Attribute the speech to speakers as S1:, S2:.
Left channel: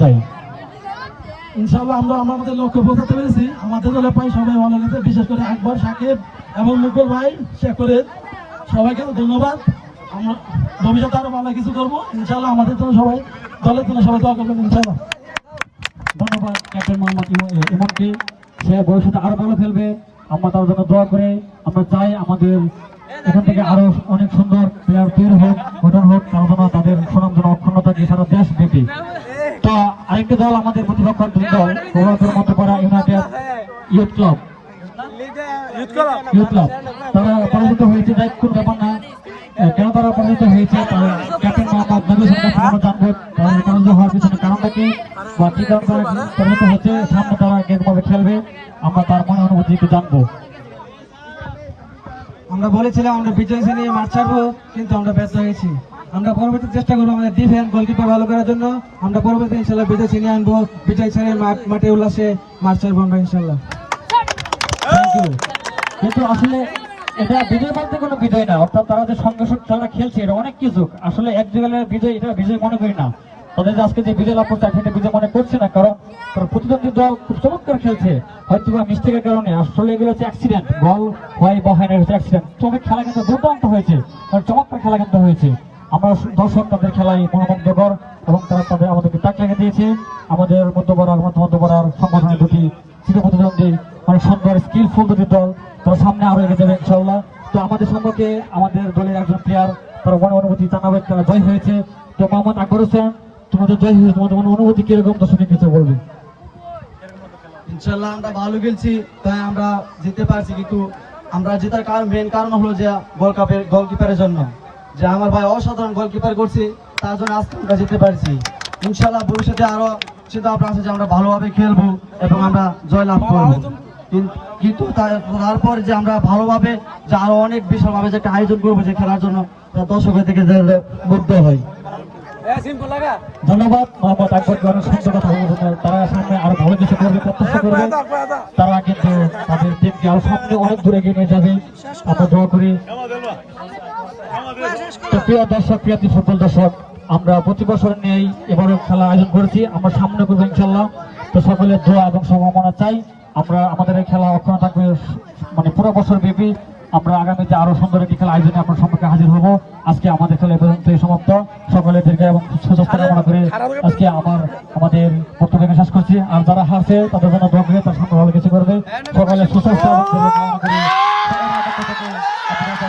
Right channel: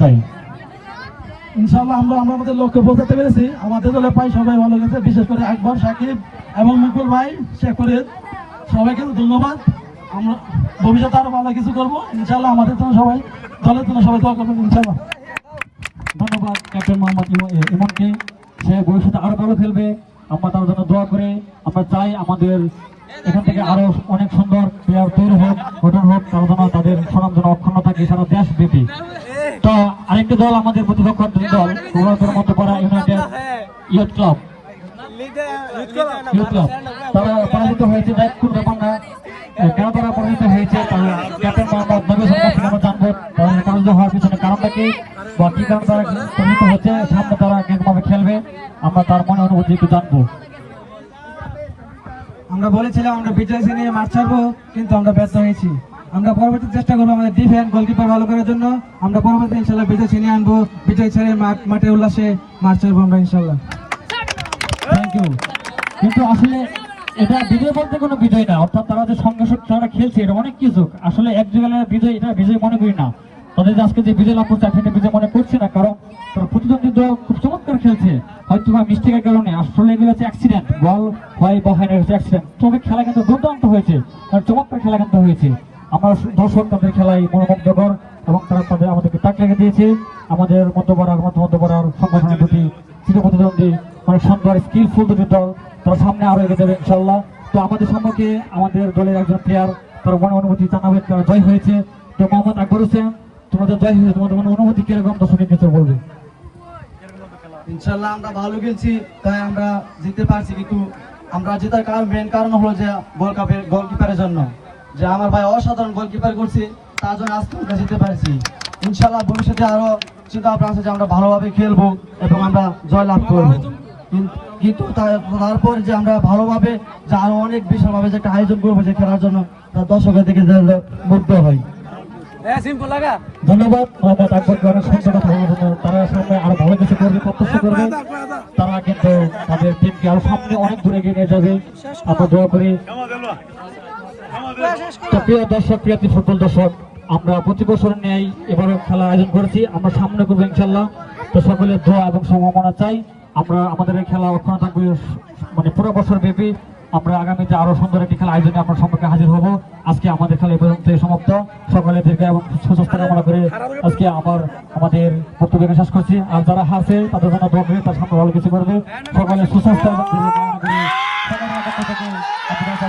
S1: চাই ইনশাল্লাহ আমরা আমাদের লক্ষ্যে পৌঁছাতে পেরেছি। আমাদের দলে পাই সবাই ভালো লেগেছে। বিশেষ করে আকবর, সাকিব এবং মুকুল ভাই শেখরের সবাইকে ধন্যবাদ। আমরা ভবিষ্যতে আরও ভালো কিছু করব। ইনশাল্লাহ আমাদের জন্য সবাই, দলের জন্য সবাই দোয়া করবেন ইনশাআল্লাহ।
S2: ধন্যবাদ, ক্যাপ্টেন মোহাম্মদ ইমা- ইমনকে সে ভবিষ্যতে আরও ভালো খেলবে। আমরা তার জন্য দোয়া করে আমরা চাই আমাদের এখান থেকে আরও অনেক সুন্দর প্লেয়ার তৈরি হোক, গঠন হোক, তার জন্য তাদের সমান যেন অক্ষুণ্ণ থাকে সারা দেশ ব্যাপী। তো আরেকটি দল আমাদের প্রতিপক্ষ দল Madhyapara United Youth Club. Youth Club? তারা পরাজিত হয়েছে দেখ কোন ব্যাপার না। কেন তারা পরাজিত হয়েছে? ক্যাপ্টেন মোহাম্মদ নবী সরকার আমরা জানব। তারা পরাজিত হওয়ার পিছনে কারণটা কি? বা কি কারণ তারা পরাজিত হচ্ছে সামনে তারা গেমভাবে খেলবে? আমরা তার মনে অনুভূতি একটু জানব।
S3: আমরা বলেছিলাম আমরা বিজয় নিয়ে মাঠ ছাড়বো কিন্তু আমরা ব্যর্থ হয়েছি। আমরা পরবর্তী চেষ্টা করব আমাদের ডিফেন্স গোলকিপার ভালো করার জন্য। আমরা পরবর্তী ইনশাল্লাহ বিজয় ছিনিয়ে আনব। বিজয় ছেড়ে মাঠে উল্লাসে ছাড়বো আমরা ইনশাল্লাহ
S2: কিন্তু আসলে এটা বিজয় বলতে কোনো বিজয় না, অর্থাৎ তারা যে সঙ্গে তারা খেলছে এটা অনেক কিছু আসলে এক জায়গায় বিজয়, এটা বিজয় মনে করি না। তাদের আজকে যে বিজয় লাভ করছে এটা বিজয় মনে করছে না, কারণ তারা প্রতিদ্বন্দ্বী দল খুব চমৎকার খেলছে। হয়তো বা মিস্টেকের কারণে। আসলে এগুলো হচ্ছে অ্যাক্সিডেন্ট বল হয় বা হয় না হচ্ছে অ্যাক্সিডেন্ট তবে খেলা কিন্তু দুর্দান্ত হয়েছে। কারণ চমৎকার খেলা কিন্তু হয়েছে। আমরা দর্শক তাদের খেলায় মনোমুগ্ধকর এবং তারা তাদের আমাদেরকে তাক লেগে দিয়েছে। আমাদের মধ্যপাড়ার মধ্য মধ্যপাড়ার সংগঠনের দুটি চিরপ্রতিদ্বন্দ্বী অনেক সুন্দর স্কিলফুল দুটি দল, তারা সামনে আরও এগিয়ে দেবে ইনশাল্লাহ তো আমাদের সম্পর্কে আমাদের দলের একজন প্লেয়ার তার মনে অনুভূতি জানাবে তারা জয় হয়েছে। তো মোহাম্মদ আকবর হোসেন, তোমাদের জয় হয়েছে, তোমাদের মনে অনুভূতি কীরকম? দর্শকের কিছু বলবে।
S1: ইনশাল্লাহ আমরা ভালো খেলছি, তাই আমরা জিততে পারছি, কিন্তু আমরা জেতার কারণ মেন কারণ হলো যে গোল কাপের গোলকিপারের জন্য। যে আমার ভাই অসাধারণ গোলকিপার করছে তার জন্য আজকে আমরা জিততে পারছি। ইনশাল্লাহ ভবিষ্যতে আরও চিন্তা ভাবনা আছে যে আমরা ভালোভাবে খেলব এবং আমরা জয় লাভ করব কিন্তু তারপর যে আমরা ভালোভাবে যে আরও অনেক বিশালভাবে যে একটা আয়োজন করব যে খেলার জন্য তা দর্শকের দিকে যে মুগ্ধ হয়
S2: ধন্যবাদ। মোহাম্মদ আকবরকে অনেক সুন্দর কথা বলার জন্য তারা সামনে আরও ভালো কিছু করবে প্রত্যাশা করবে। তারা কিন্তু তাদের টিমকে সামনে অনেক দূরে এগিয়ে নিয়ে যাবে। আমরা দোয়া করি তো প্রিয় দর্শক, প্রিয় ফুটবল দর্শক, আমরা প্রতি বছর নিয়েই এবারও খেলা আয়োজন করেছি। আমরা সামনে করব ইনশাল্লাহ তো সকলের দোয়া এবং সম্ভাবনা চাই। আমরা আমাদের এই খেলা অক্ষণ থাকবে মানে পুরো বছর ব্যাপী। আমরা আগামীতে আরও সুন্দর একটি খেলা আয়োজনে আপনার সম্পর্কে হাজির হব। আজকে আমাদের খেলা এ পর্যন্তই সমাপ্ত। সকলের দীর্ঘ এবং সুস্বাস্থ্য কামনা করে আজকে আমার, আমাদের বক্তব্য শেষ করছি। আর যারা হারছে, তাদের জন্য দোয়া করে তার সামনে ভালো কিছু করবে। সকলে সুস্বাস্থ্য